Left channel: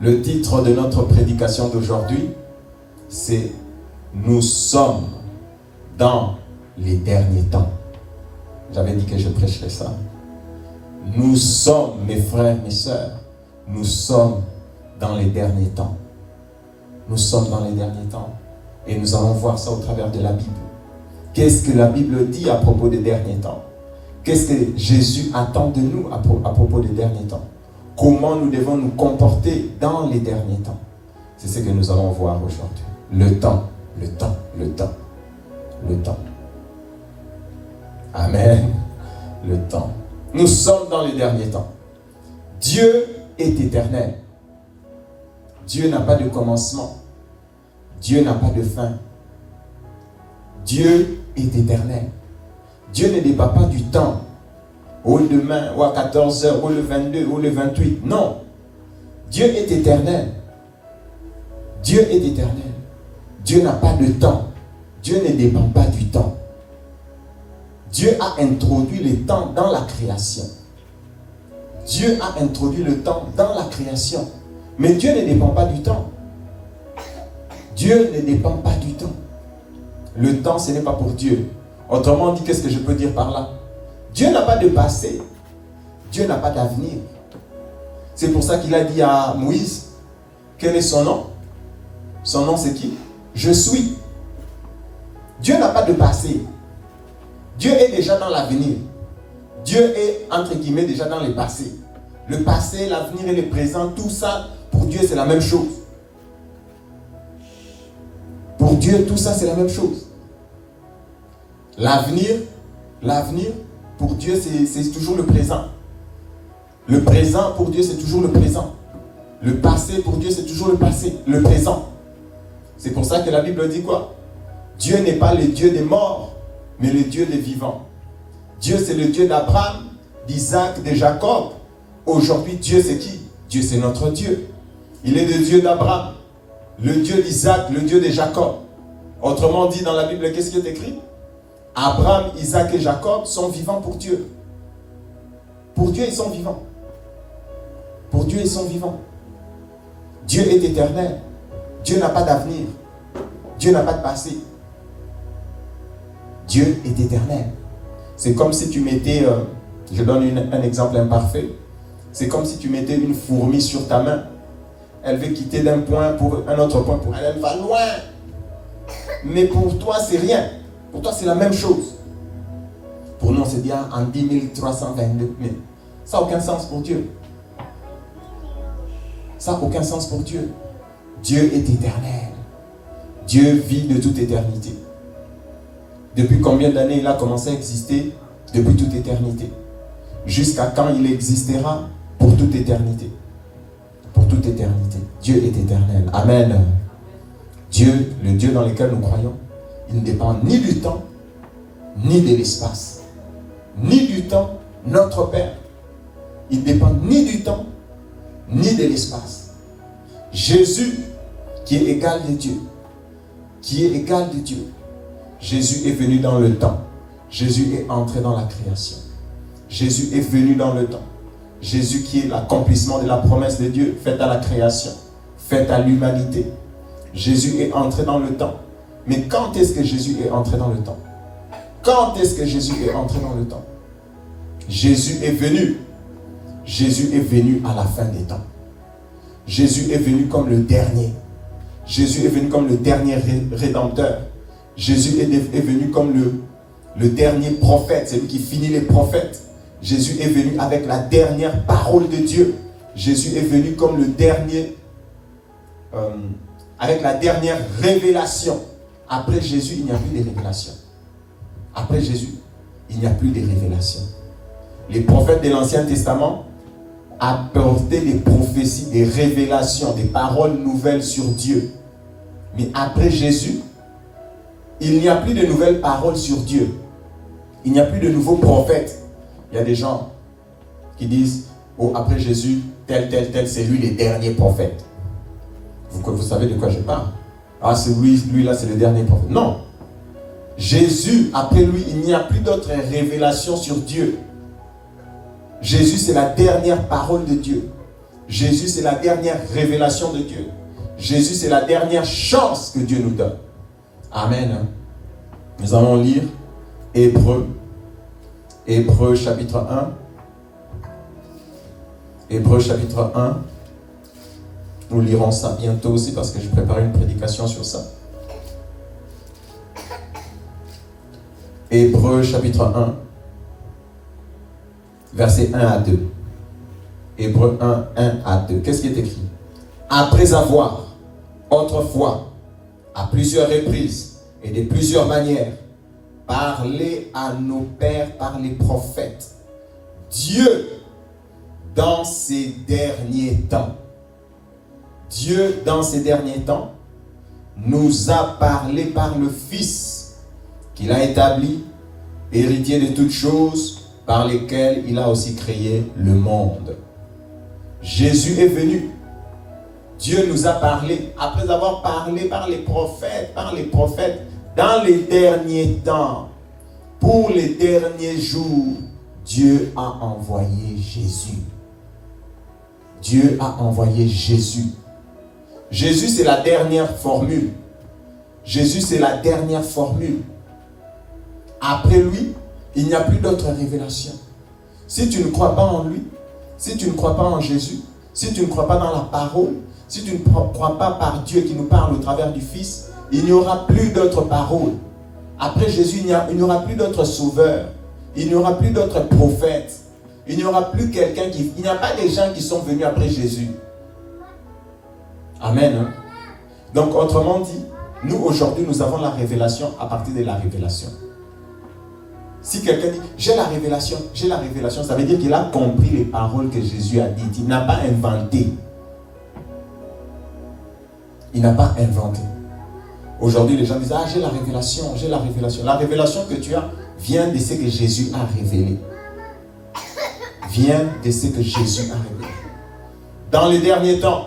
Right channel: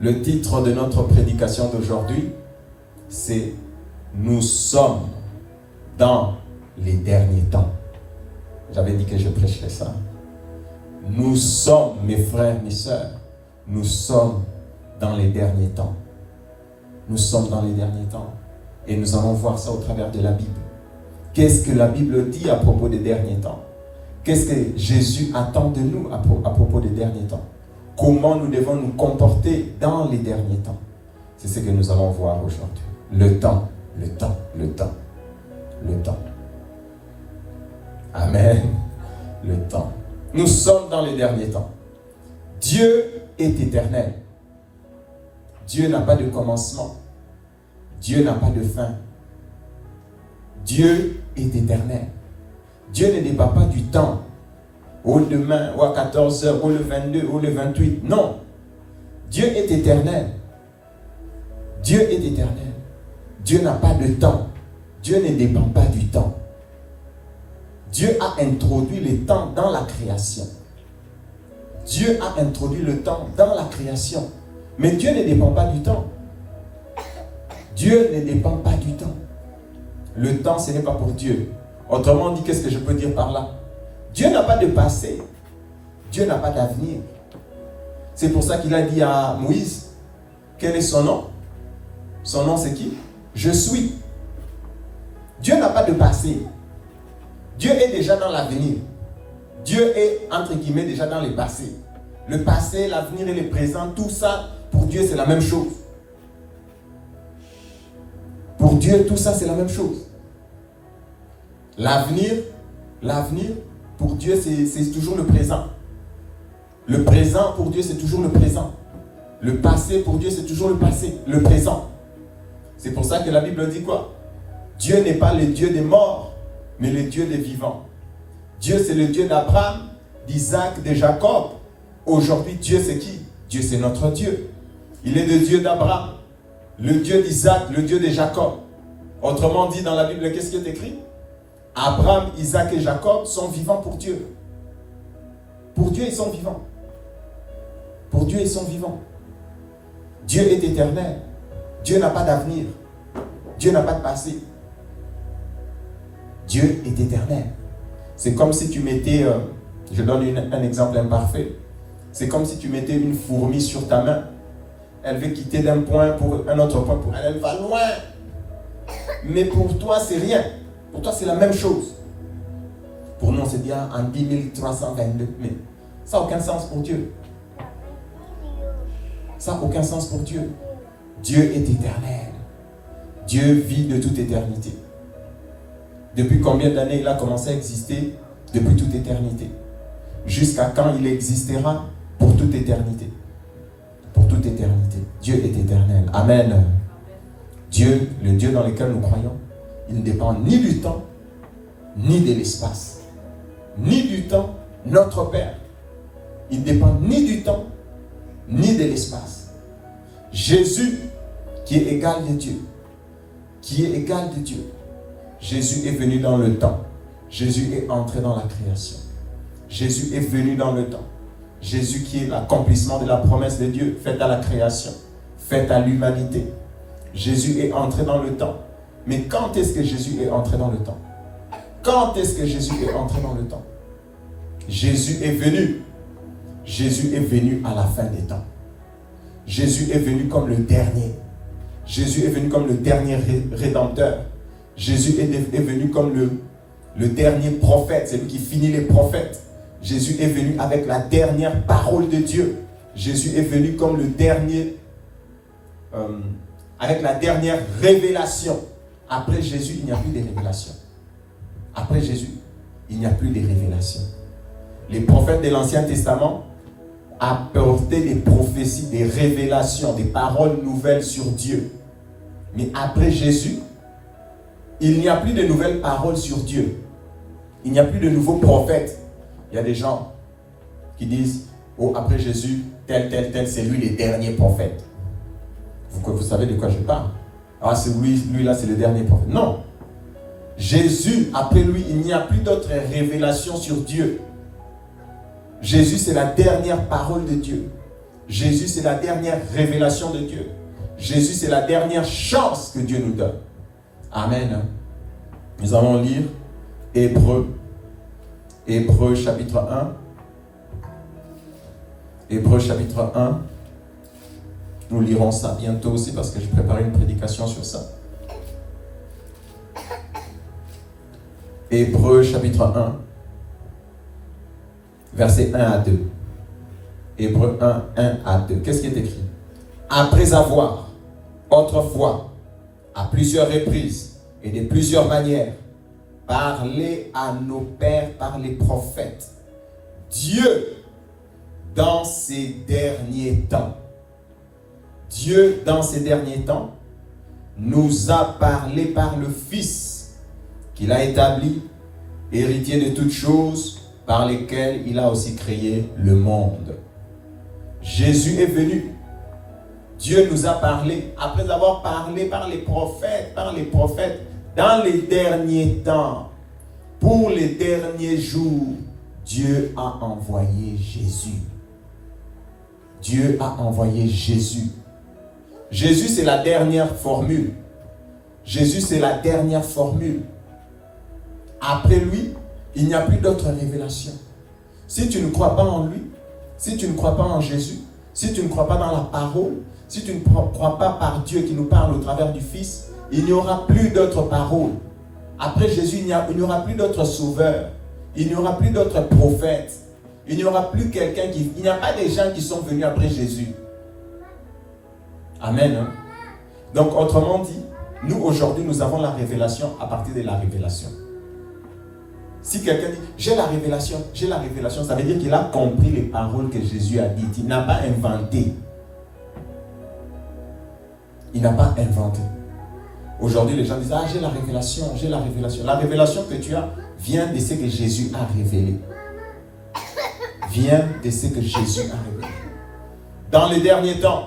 Le titre de notre prédication d'aujourd'hui, c'est « Nous sommes dans les derniers temps ». J'avais dit que je prêcherais ça. Nous sommes, mes frères, mes sœurs, nous sommes dans les derniers temps. Nous sommes dans les derniers temps. Et nous allons voir ça au travers de la Bible. Qu'est-ce que la Bible dit à propos des derniers temps? Qu'est-ce que Jésus attend de nous à propos des derniers temps? Comment nous devons nous comporter dans les derniers temps? C'est ce que nous allons voir aujourd'hui. Le temps, le temps, le temps, le temps. Amen. Le temps. Nous sommes dans les derniers temps. Dieu est éternel. Dieu n'a pas de commencement. Dieu n'a pas de fin. Dieu est éternel. Dieu ne dépend pas du temps. Ou demain, ou à 14h, ou le 22, ou le 28. Non. Dieu est éternel. Dieu est éternel. Dieu n'a pas de temps. Dieu ne dépend pas du temps. Dieu a introduit le temps dans la création. Dieu a introduit le temps dans la création. Mais Dieu ne dépend pas du temps. Dieu ne dépend pas du temps. Le temps, ce n'est pas pour Dieu. Autrement dit, qu'est-ce que je peux dire par là? Dieu n'a pas de passé. Dieu n'a pas d'avenir. C'est pour ça qu'il a dit à Moïse, quel est son nom? Son nom, c'est qui? Je suis. Dieu n'a pas de passé. Dieu est déjà dans l'avenir. Dieu est, entre guillemets, déjà dans le passé. Le passé, l'avenir et le présent, tout ça, pour Dieu, c'est la même chose. Pour Dieu, tout ça, c'est la même chose. L'avenir, pour Dieu, c'est toujours le présent. Le présent, pour Dieu, c'est toujours le présent. Le passé, pour Dieu, c'est toujours le passé, le présent. C'est pour ça que la Bible dit quoi? Dieu n'est pas le Dieu des morts, mais le Dieu des vivants. Dieu, c'est le Dieu d'Abraham, d'Isaac, de Jacob. Aujourd'hui, Dieu, c'est qui? Dieu, c'est notre Dieu. Il est le Dieu d'Abraham, le Dieu d'Isaac, le Dieu de Jacob. Autrement dit, dans la Bible, qu'est-ce qui est écrit? Abraham, Isaac et Jacob sont vivants pour Dieu. Pour Dieu, ils sont vivants. Pour Dieu, ils sont vivants. Dieu est éternel. Dieu n'a pas d'avenir. Dieu n'a pas de passé. Dieu est éternel. C'est comme si tu mettais, je donne un exemple imparfait. C'est comme si tu mettais une fourmi sur ta main. Elle veut quitter d'un point pour un autre point. Pour elle, elle va loin. Mais pour toi, c'est rien. Pour toi, c'est la même chose. Pour nous, on se dit en 10 322 000. Ça n'a aucun sens pour Dieu. Ça n'a aucun sens pour Dieu. Dieu est éternel. Dieu vit de toute éternité. Depuis combien d'années il a commencé à exister? Depuis toute éternité. Jusqu'à quand il existera? Pour toute éternité. Pour toute éternité. Dieu est éternel. Amen. Dieu, le Dieu dans lequel nous croyons, il ne dépend ni du temps, ni de l'espace. Ni du temps, notre Père. Il ne dépend ni du temps, ni de l'espace. Jésus, qui est égal de Dieu. Qui est égal de Dieu. Jésus est venu dans le temps. Jésus est entré dans la création. Jésus est venu dans le temps. Jésus qui est l'accomplissement de la promesse de Dieu faite à la création, faite à l'humanité. Jésus est entré dans le temps. Mais quand est-ce que Jésus est entré dans le temps? Quand est-ce que Jésus est entré dans le temps? Jésus est venu. Jésus est venu à la fin des temps. Jésus est venu comme le dernier. Jésus est venu comme le dernier rédempteur. Jésus est venu comme le dernier prophète, celui qui finit les prophètes. Jésus est venu avec la dernière parole de Dieu. Jésus est venu comme le dernier, avec la dernière révélation. Après Jésus, il n'y a plus de révélation. Après Jésus, il n'y a plus de révélation. Les prophètes de l'Ancien Testament apportaient des prophéties, des révélations, des paroles nouvelles sur Dieu. Mais après Jésus, il n'y a plus de nouvelles paroles sur Dieu. Il n'y a plus de nouveaux prophètes. Il y a des gens qui disent, oh, après Jésus, tel, c'est lui le dernier prophète. Vous savez de quoi je parle. Ah, c'est lui là, c'est le dernier prophète. Non. Jésus, après lui, il n'y a plus d'autres révélations sur Dieu. Jésus, c'est la dernière parole de Dieu. Jésus, c'est la dernière révélation de Dieu. Jésus, c'est la dernière chance que Dieu nous donne. Amen. Nous allons lire Hébreux chapitre 1. Hébreux chapitre 1. Nous lirons ça bientôt aussi parce que je prépare une prédication sur ça. Hébreux chapitre 1, versets 1 à 2. Hébreux 1, 1 à 2. Qu'est-ce qui est écrit? Après avoir, autrefois, à plusieurs reprises et de plusieurs manières, parlé à nos pères par les prophètes, Dieu, dans ces derniers temps, Dieu, dans ces derniers temps, nous a parlé par le Fils qu'il a établi, héritier de toutes choses, par lesquelles il a aussi créé le monde. Jésus est venu. Dieu nous a parlé, après avoir parlé par les prophètes, dans les derniers temps, pour les derniers jours, Dieu a envoyé Jésus. Dieu a envoyé Jésus. Jésus, c'est la dernière formule. Jésus, c'est la dernière formule. Après lui, il n'y a plus d'autre révélation. Si tu ne crois pas en lui, si tu ne crois pas en Jésus, si tu ne crois pas dans la parole, si tu ne crois pas par Dieu qui nous parle au travers du Fils, il n'y aura plus d'autres paroles. Après Jésus, il n'y aura plus d'autres sauveurs. Il n'y aura plus d'autres prophètes. Il n'y aura plus quelqu'un qui... Il n'y a pas des gens qui sont venus après Jésus. Amen. Hein? Donc, autrement dit, nous, aujourd'hui, nous avons la révélation à partir de la révélation. Si quelqu'un dit, j'ai la révélation, ça veut dire qu'il a compris les paroles que Jésus a dites. Il n'a pas inventé. Il n'a pas inventé. Aujourd'hui, les gens disent, ah, j'ai la révélation, j'ai la révélation. La révélation que tu as vient de ce que Jésus a révélé. Vient de ce que Jésus a révélé. Dans les derniers temps,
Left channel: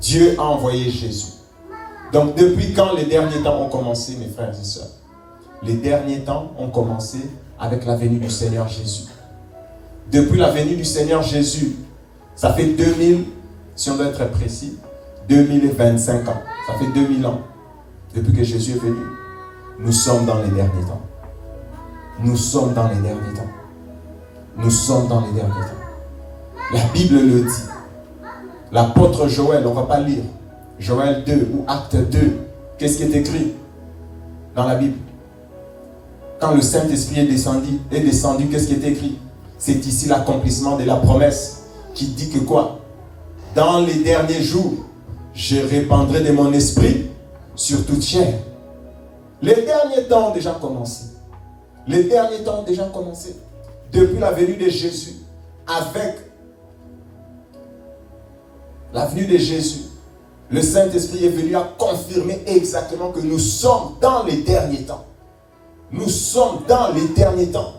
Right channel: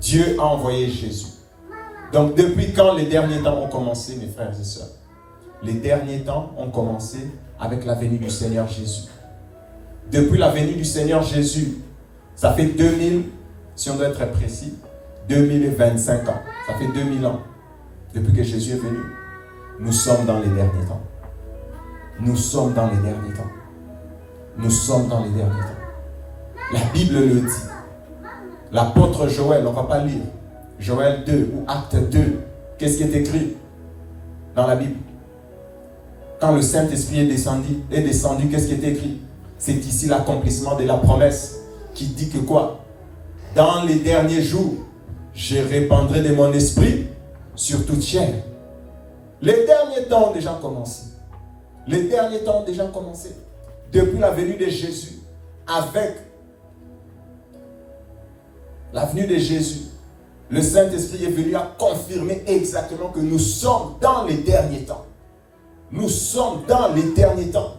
Dieu a envoyé Jésus. Donc, depuis quand les derniers temps ont commencé, mes frères et sœurs? Les derniers temps ont commencé avec la venue du Seigneur Jésus. Depuis la venue du Seigneur Jésus, ça fait 2000, si on doit être précis, 2025 ans. Ça fait 2000 ans depuis que Jésus est venu. Nous sommes dans les derniers temps. Nous sommes dans les derniers temps. Nous sommes dans les derniers temps. La Bible le dit. L'apôtre Joël, on ne va pas lire. Joël 2 ou Acte 2. Qu'est-ce qui est écrit dans la Bible? Quand le Saint-Esprit est descendu, qu'est-ce qui est écrit? C'est ici l'accomplissement de la promesse qui dit que quoi? Dans les derniers jours, je répandrai de mon esprit sur toute chair. Les derniers temps ont déjà commencé. Les derniers temps ont déjà commencé. Depuis la venue de Jésus, avec la venue de Jésus, le Saint-Esprit est venu à confirmer exactement que nous sommes dans les derniers temps. Nous sommes dans les derniers temps.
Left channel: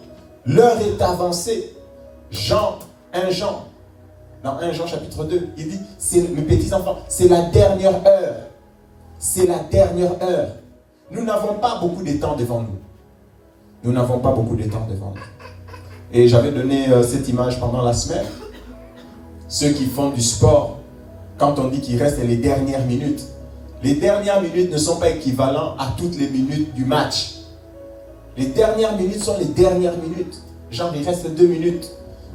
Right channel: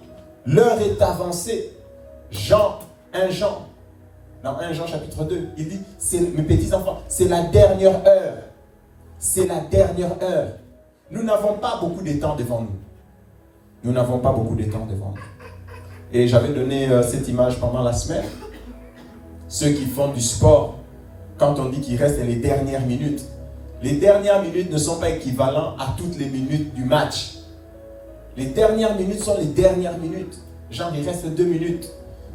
L'heure est avancée. Dans 1 Jean chapitre 2, il dit, mes petits enfants, c'est la dernière heure. C'est la dernière heure. Nous n'avons pas beaucoup de temps devant nous. Nous n'avons pas beaucoup de temps devant nous. Et j'avais donné cette image pendant la semaine. Ceux qui font du sport, quand on dit qu'il reste les dernières minutes ne sont pas équivalentes à toutes les minutes du match. Les dernières minutes sont les dernières minutes. Genre, il reste 2 minutes.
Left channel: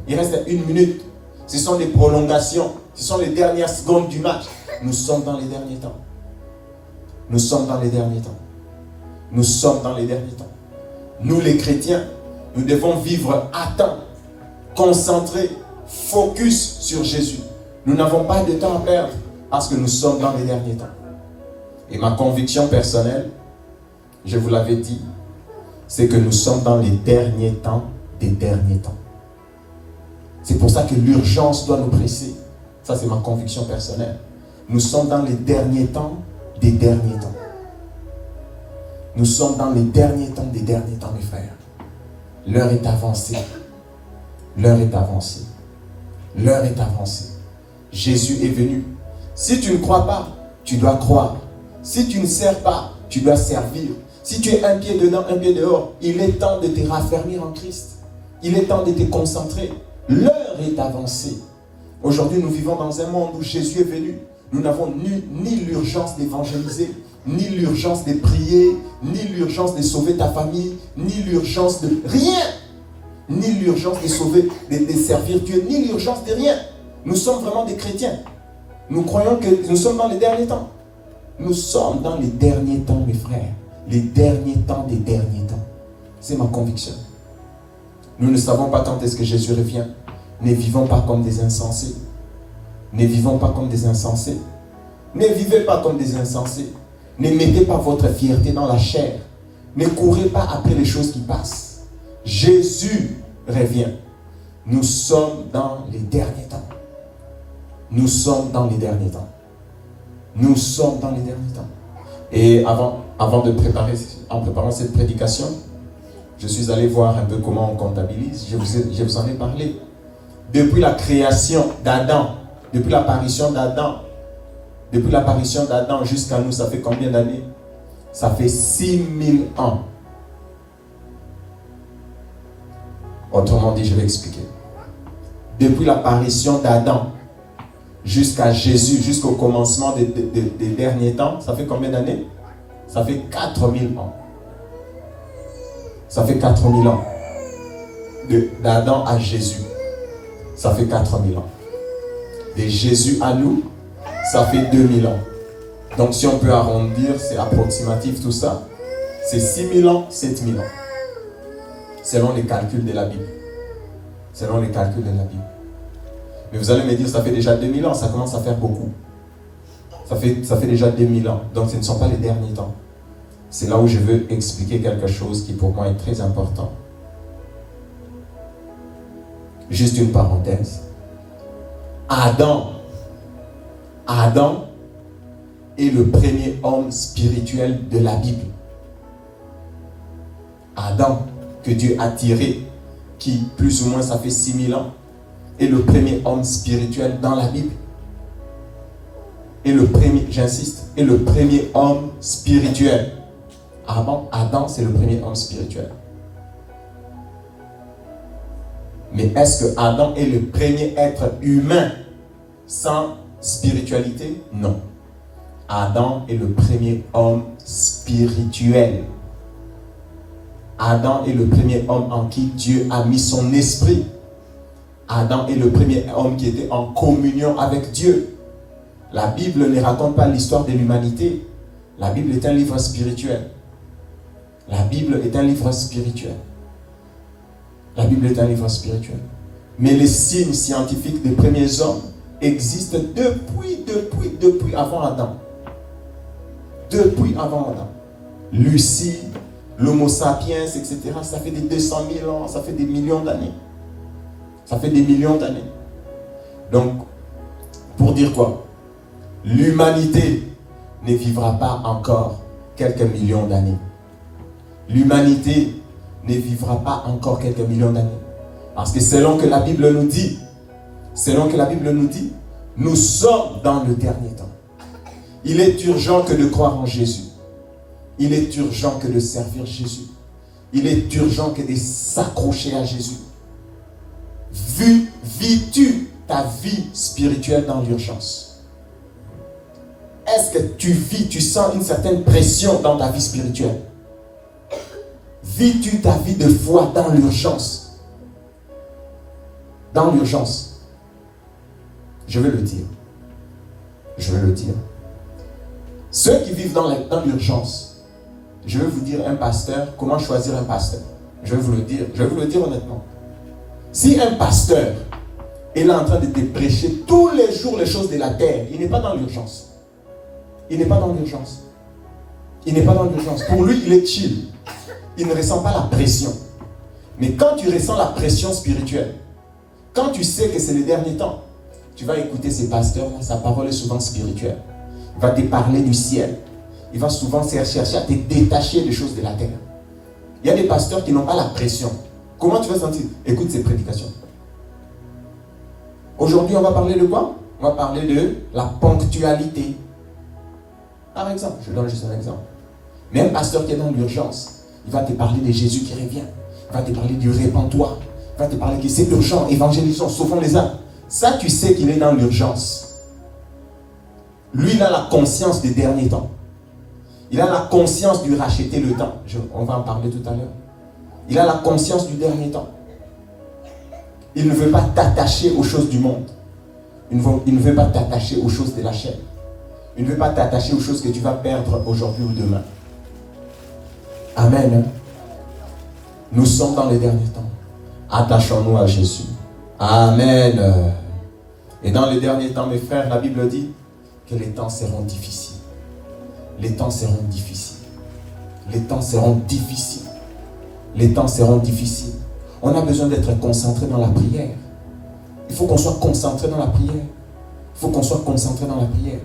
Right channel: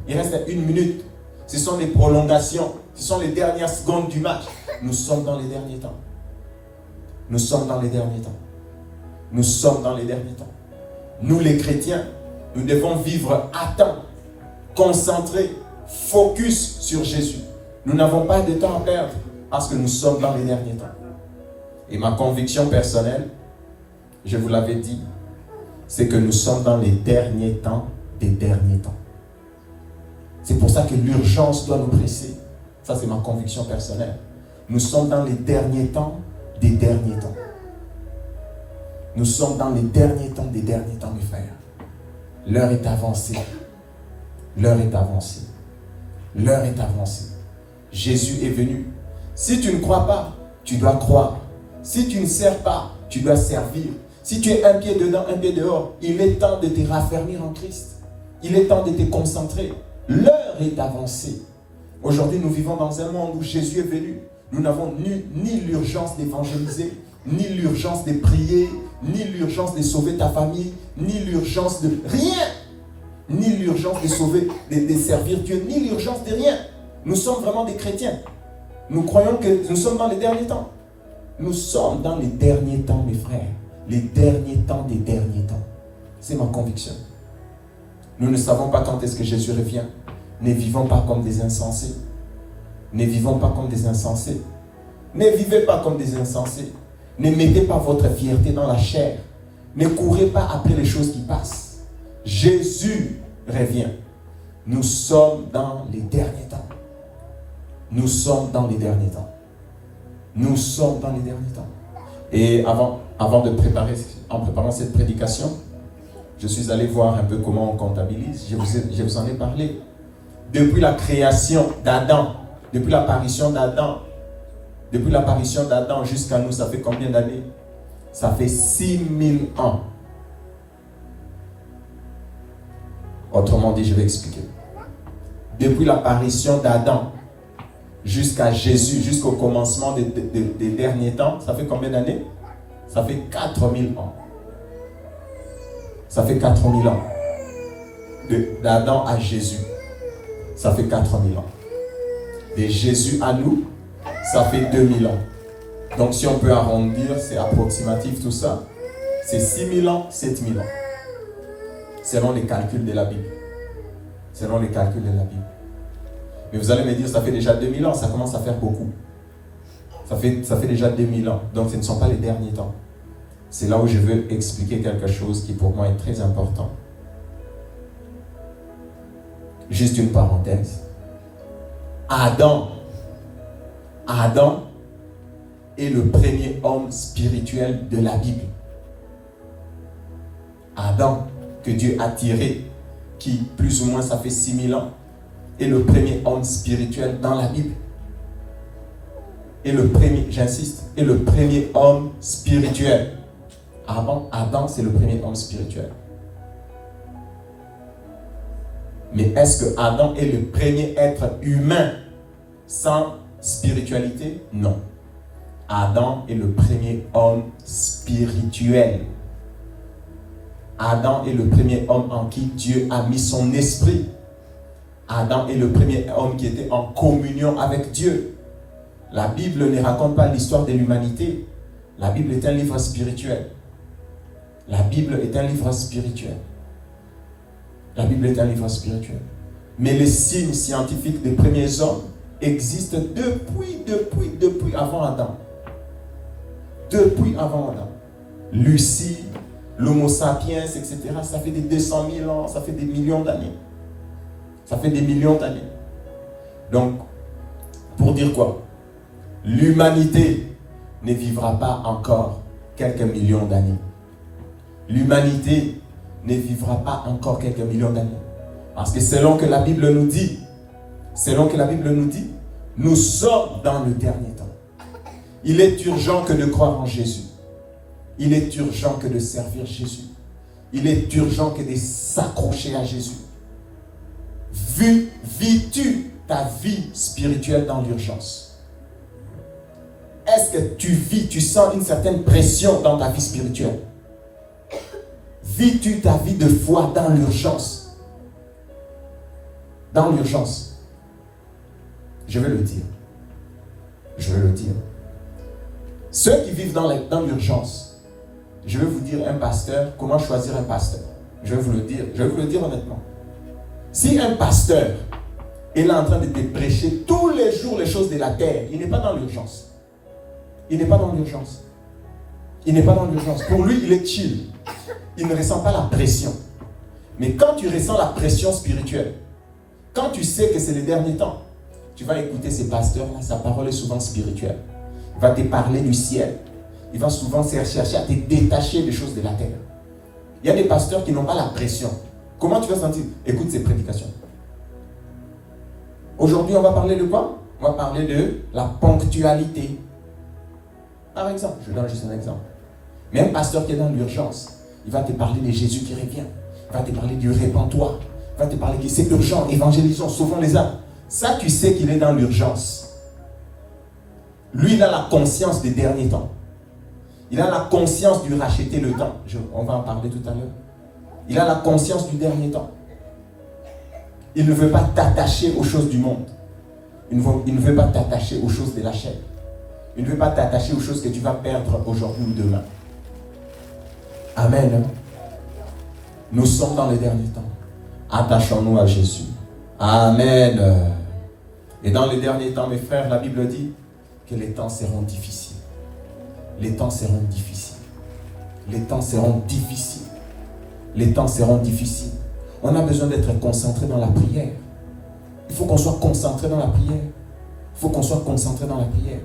Il reste 1 minute. Ce sont les prolongations. Ce sont les dernières secondes du match. Nous sommes dans les derniers temps. Nous sommes dans les derniers temps. Nous sommes dans les derniers temps. Nous, les chrétiens, nous devons vivre à temps, concentrés, focus sur Jésus. Nous n'avons pas de temps à perdre parce que nous sommes dans les derniers temps. Et ma conviction personnelle, je vous l'avais dit, c'est que nous sommes dans les derniers temps des derniers temps. C'est pour ça que l'urgence doit nous presser. Ça, c'est ma conviction personnelle. Nous sommes dans les derniers temps des derniers temps. Nous sommes dans les derniers temps des derniers temps, mes frères. L'heure est avancée. L'heure est avancée. L'heure est avancée. Jésus est venu. Si tu ne crois pas, tu dois croire. Si tu ne sers pas, tu dois servir. Si tu es un pied dedans, un pied dehors, il est temps de te raffermir en Christ. Il est temps de te concentrer. L'heure est avancée. Aujourd'hui, nous vivons dans un monde où Jésus est venu. Nous n'avons ni l'urgence d'évangéliser, ni l'urgence de prier, ni l'urgence de sauver ta famille, ni l'urgence de rien. Ni l'urgence de sauver, de servir Dieu, ni l'urgence de rien. Nous sommes vraiment des chrétiens. Nous croyons que nous sommes dans les derniers temps. Nous sommes dans les derniers temps, mes frères. Les derniers temps des derniers temps. C'est ma conviction. Nous ne savons pas quand est-ce que Jésus revient. Ne vivons pas comme des insensés. Ne vivons pas comme des insensés. Ne vivez pas comme des insensés. Ne mettez pas votre fierté dans la chair. Ne courez pas après les choses qui passent. Jésus revient. Nous sommes dans les derniers temps. Nous sommes dans les derniers temps. Nous sommes dans les derniers temps. Et avant de préparer, en préparant cette prédication, je suis allé voir un peu comment on comptabilise. Je vous en ai parlé. Depuis la création d'Adam, depuis l'apparition d'Adam jusqu'à nous, ça fait combien d'années? Ça fait 6000 ans. Autrement dit, je vais expliquer. Depuis l'apparition d'Adam jusqu'à Jésus, jusqu'au commencement des derniers temps, ça fait combien d'années? Ça fait 4000 ans. Ça fait 4000 ans. D'Adam à Jésus, ça fait 4000 ans. De Jésus à nous, ça fait 2000 ans. Donc si on peut arrondir, c'est approximatif tout ça. C'est 6000 ans, 7000 ans. Selon les calculs de la Bible. Selon les calculs de la Bible. Mais vous allez me dire, ça fait déjà 2000 ans, ça commence à faire beaucoup. Ça fait déjà 2000 ans. Donc ce ne sont pas les derniers temps. C'est là où je veux expliquer quelque chose qui pour moi est très important. Juste une parenthèse. Adam est le premier homme spirituel de la Bible. Adam, que Dieu a tiré, qui plus ou moins ça fait 6000 ans, est le premier homme spirituel dans la Bible. Et le premier, j'insiste, est le premier homme spirituel. Adam, c'est le premier homme spirituel. Mais est-ce que Adam est le premier être humain sans spiritualité? Non. Adam est le premier homme spirituel. Adam est le premier homme en qui Dieu a mis son esprit. Adam est le premier homme qui était en communion avec Dieu. La Bible ne raconte pas l'histoire de l'humanité. La Bible est un livre spirituel. La Bible est un livre spirituel. La Bible est un livre spirituel. Mais les signes scientifiques des premiers hommes existent depuis avant Adam. Depuis avant Adam. Lucie, l'Homo sapiens, etc. Ça fait des 200 000 ans, ça fait des millions d'années. Ça fait des millions d'années. Donc, pour dire quoi? L'humanité ne vivra pas encore quelques millions d'années. L'humanité ne vivra pas encore quelques millions d'années. Parce que selon que la Bible nous dit, nous sommes dans le dernier temps. Il est urgent que de croire en Jésus. Il est urgent que de servir Jésus. Il est urgent que de s'accrocher à Jésus. Vis-tu ta vie spirituelle dans l'urgence? Est-ce que tu sens une certaine pression dans ta vie spirituelle? Vis-tu ta vie de foi dans l'urgence? Dans l'urgence. Je vais le dire. Ceux qui vivent dans l'urgence, je vais vous dire un pasteur, comment choisir un pasteur. Je vais vous le dire honnêtement. Si un pasteur est là en train de te prêcher tous les jours les choses de la terre, il n'est pas dans l'urgence. Pour lui, il est chill. Il ne ressent pas la pression. Mais quand tu ressens la pression spirituelle, quand tu sais que c'est les derniers temps, tu vas écouter ces pasteurs-là, sa parole est souvent spirituelle. Il va te parler du ciel. Il va souvent chercher à te détacher des choses de la terre. Il y a des pasteurs qui n'ont pas la pression. Comment tu vas sentir? Écoute ces prédications. Aujourd'hui, on va parler de quoi? On va parler de la ponctualité. Par exemple, je donne juste un exemple. Mais un pasteur qui est dans l'urgence, il va te parler de Jésus qui revient. Il va te parler du répands-toi. Il va te parler que c'est urgent, évangélisons, sauvons les âmes. Ça, tu sais qu'il est dans l'urgence. Lui, il a la conscience des derniers temps. Il a la conscience du racheter le temps. On va en parler tout à l'heure. Il a la conscience du dernier temps. Il ne veut pas t'attacher aux choses du monde. Il ne veut pas t'attacher aux choses de la chair. Il ne veut pas t'attacher aux choses que tu vas perdre aujourd'hui ou demain. Amen. Nous sommes dans les derniers temps. Attachons-nous à Jésus. Amen. Et dans les derniers temps, mes frères, la Bible dit que les temps seront difficiles. Les temps seront difficiles. Les temps seront difficiles. Les temps seront difficiles. On a besoin d'être concentré dans la prière. Il faut qu'on soit concentré dans la prière. Il faut qu'on soit concentré dans la prière.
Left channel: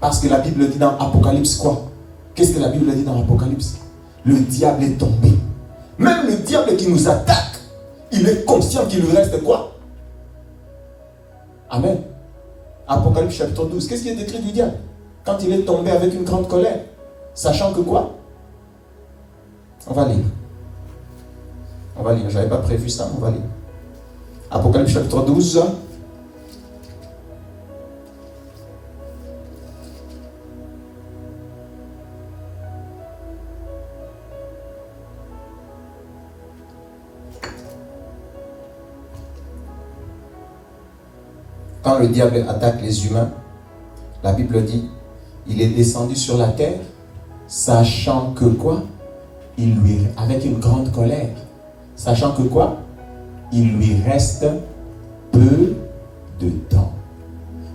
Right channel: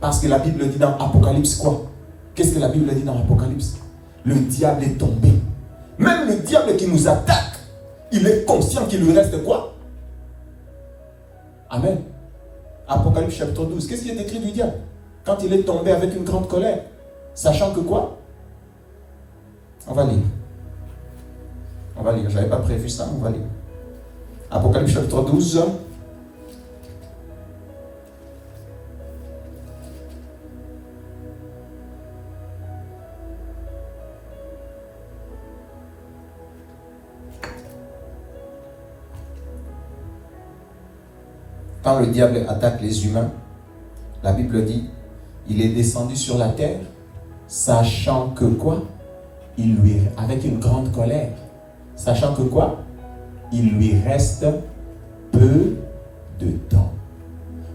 Parce que la Bible dit dans Apocalypse quoi? Qu'est-ce que la Bible dit dans Apocalypse? Le diable est tombé. Même le diable qui nous attaque, il est conscient qu'il lui reste quoi? Amen. Apocalypse chapitre 12. Qu'est-ce qui est écrit du diable? Quand il est tombé avec une grande colère. Sachant que quoi? On va lire. On va lire. Je n'avais pas prévu ça, on va lire. Apocalypse chapitre 12. Quand le diable attaque les humains, la Bible dit, il est descendu sur la terre, sachant que quoi? Avec une grande colère, sachant que quoi? Il lui reste peu de temps.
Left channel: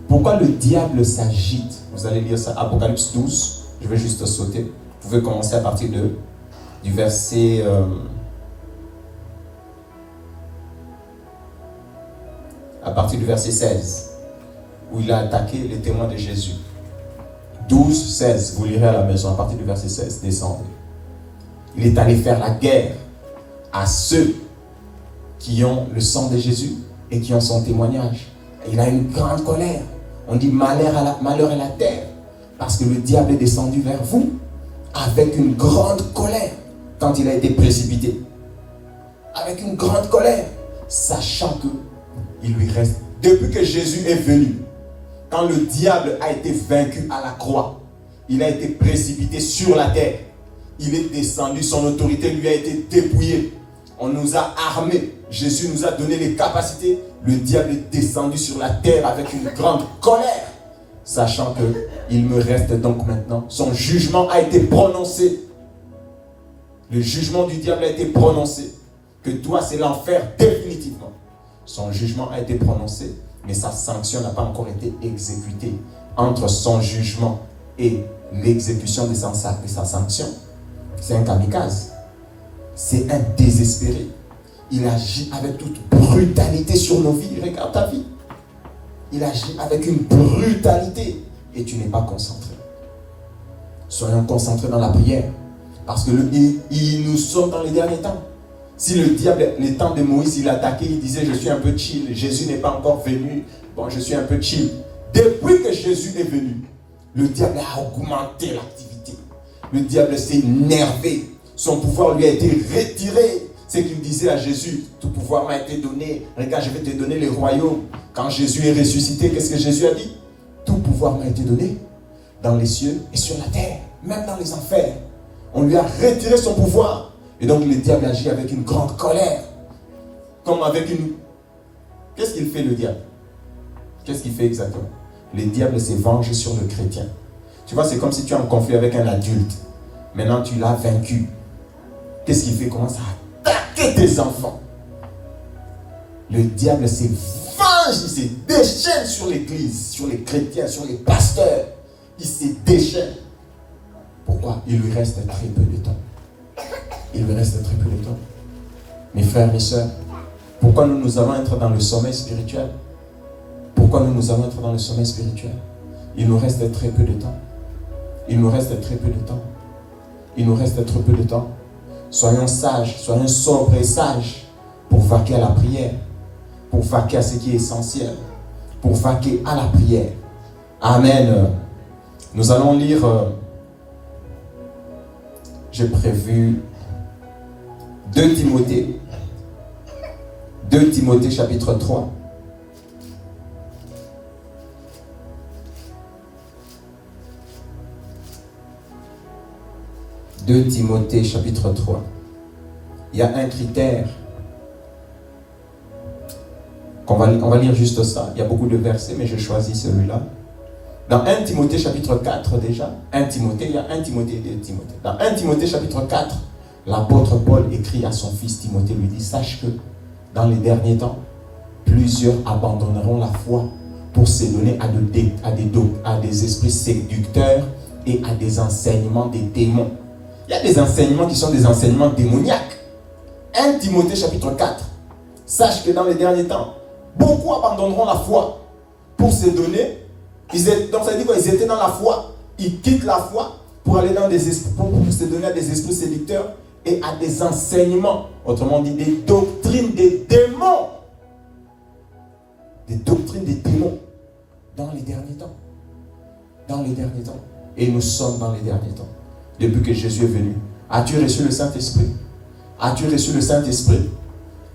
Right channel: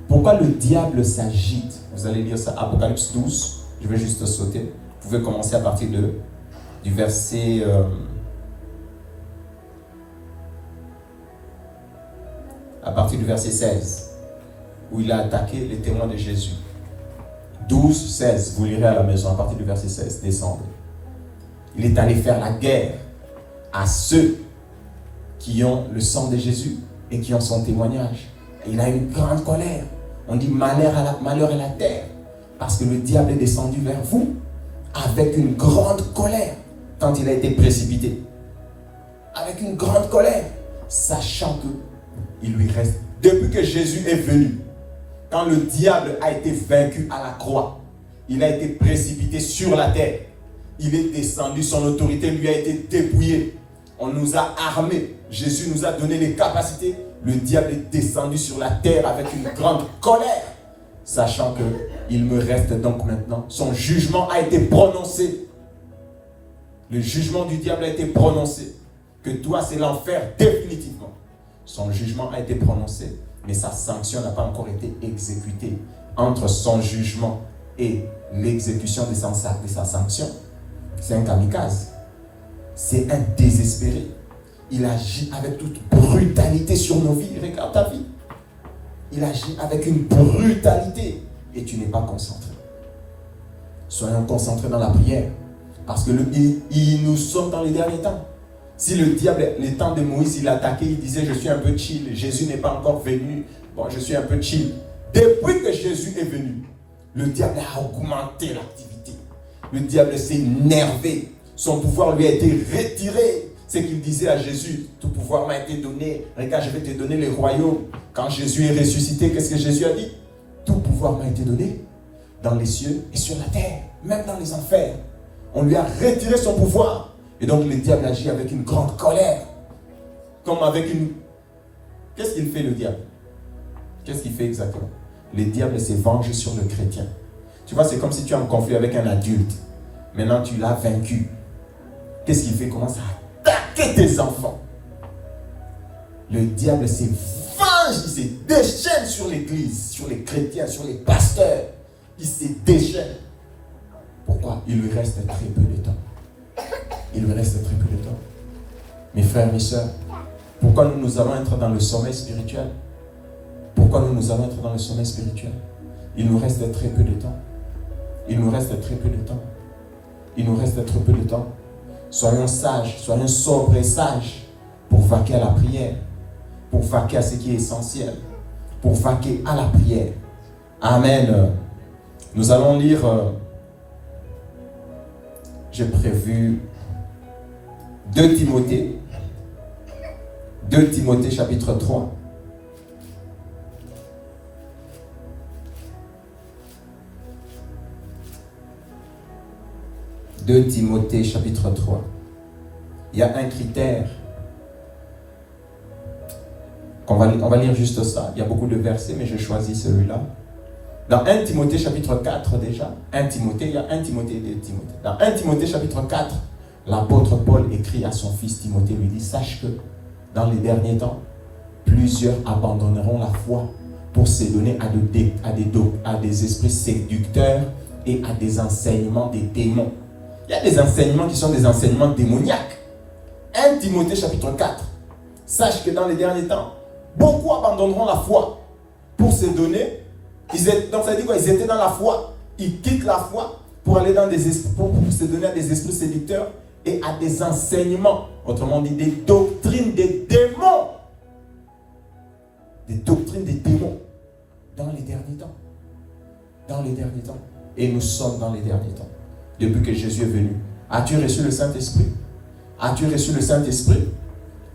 Pourquoi le diable s'agite? Vous allez lire ça, Apocalypse 12, je vais juste sauter. Vous pouvez commencer à partir du verset... à partir du verset 16, où il a attaqué les témoins de Jésus. 12, 16, vous lirez à la maison, à partir du verset 16, descendez. Il est allé faire la guerre à ceux qui ont le sang de Jésus et qui ont son témoignage. Et il a une grande colère. On dit malheur à la terre, parce que le diable est descendu vers vous avec une grande colère quand il a été précipité. Avec une grande colère, sachant que il lui reste, depuis que Jésus est venu, quand le diable a été vaincu à la croix, il a été précipité sur la terre, il est descendu, son autorité lui a été dépouillée, on nous a armés, Jésus nous a donné les capacités, le diable est descendu sur la terre avec une grande colère, sachant qu'il me reste donc maintenant, son jugement a été prononcé, le jugement du diable a été prononcé, que toi c'est l'enfer définitivement. Son jugement a été prononcé, mais sa sanction n'a pas encore été exécutée. Entre son jugement et l'exécution de sa sanction, c'est un kamikaze. C'est un désespéré. Il agit avec toute brutalité sur nos vies. Regarde ta vie. Il agit avec une brutalité et tu n'es pas concentré. Soyons concentrés dans la prière. Parce que nous sommes dans les derniers temps. Si le diable, les temps de Moïse, il attaquait, il disait, je suis un peu chill, Jésus n'est pas encore venu, bon, je suis un peu chill. Depuis que Jésus est venu, le diable a augmenté l'activité. Le diable s'est énervé, son pouvoir lui a été retiré. C'est qu'il disait à Jésus, tout pouvoir m'a été donné, regarde, je vais te donner les royaumes. Quand Jésus est ressuscité, qu'est-ce que Jésus a dit? Tout pouvoir m'a été donné dans les cieux et sur la terre, même dans les enfers. On lui a retiré son pouvoir. Et donc le diable agit avec une grande colère. Comme avec une... Qu'est-ce qu'il fait le diable? Qu'est-ce qu'il fait exactement? Le diable s'est vengé sur le chrétien. Tu vois, c'est comme si tu es en conflit avec un adulte. Maintenant tu l'as vaincu. Qu'est-ce qu'il fait? Il commence à attaquer tes enfants. Le diable s'est venge, il se déchaîne sur l'église, sur les chrétiens, sur les pasteurs. Il se déchaîne. Pourquoi? Il lui reste très peu de temps. Il lui reste très peu de temps. Mes frères, mes sœurs, pourquoi nous allons être dans le sommeil spirituel? Pourquoi nous allons être dans le sommeil spirituel? Il nous reste très peu de temps. Il nous reste très peu de temps. Il nous reste très peu de temps. Soyons sages, soyons sobres et sages pour vaquer à la prière, pour vaquer à ce qui est essentiel, pour vaquer à la prière. Amen. Nous allons lire j'ai prévu 2 Timothée. 2 Timothée chapitre 3. « 2 Timothée chapitre 3. Il y a un critère. On va lire juste ça. Il y a beaucoup de versets, mais je choisis celui-là. Dans 1 Timothée chapitre 4 déjà, 1 Timothée, il y a 1 Timothée et 2 Timothée. Dans 1 Timothée chapitre 4, l'apôtre Paul écrit à son fils Timothée, lui dit, sache que dans les derniers temps, plusieurs abandonneront la foi pour se donner à des esprits séducteurs et à des enseignements des démons. Il y a des enseignements qui sont des enseignements démoniaques. 1 Timothée chapitre 4, sache que dans les derniers temps, beaucoup abandonneront la foi pour se donner. Donc ça dit quoi? Ils étaient dans la foi, ils quittent la foi pour aller dans des esprits, pour se donner à des esprits séducteurs et à des enseignements, autrement dit des doctrines des démons. Des doctrines des démons dans les derniers temps. Dans les derniers temps. Et nous sommes dans les derniers temps. Depuis que Jésus est venu. As-tu reçu le Saint-Esprit? As-tu reçu le Saint-Esprit?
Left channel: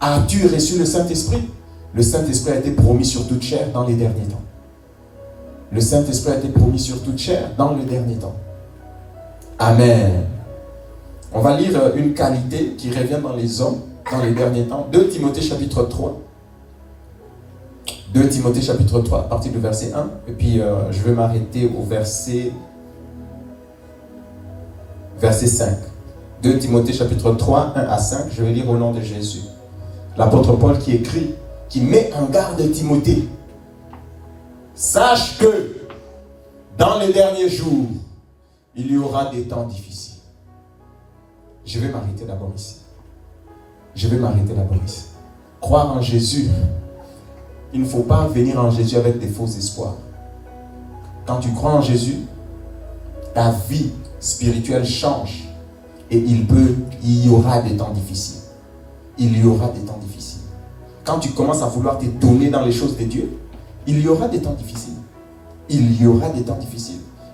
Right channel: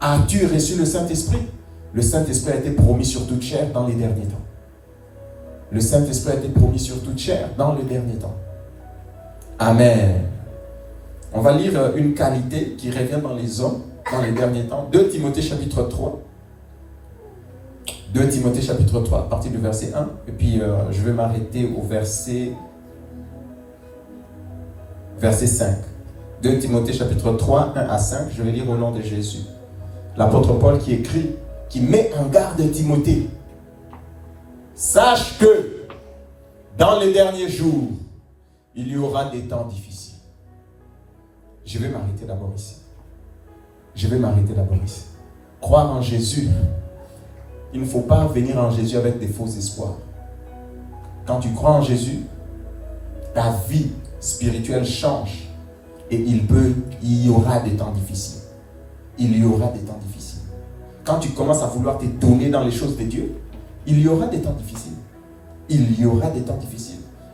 As-tu reçu le Saint-Esprit? Le Saint-Esprit a été promis sur toute chair dans les derniers temps. Le Saint-Esprit a été promis sur toute chair dans les derniers temps. Amen. On va lire une qualité qui revient dans les hommes dans les derniers temps. 2 Timothée chapitre 3. 2 Timothée chapitre 3 à partir du verset 1. Et puis je vais m'arrêter au verset 5. 2 Timothée chapitre 3, 1 à 5. Je vais lire au nom de Jésus. L'apôtre Paul qui écrit, qui met en garde Timothée. Sache que dans les derniers jours, il y aura des temps difficiles. Je vais m'arrêter d'abord ici. Croire en Jésus, il ne faut pas venir en Jésus avec des faux espoirs. Quand tu crois en Jésus, ta vie spirituelle change et il y aura des temps difficiles. Quand tu commences à vouloir te donner dans les choses de Dieu, il y aura des temps difficiles.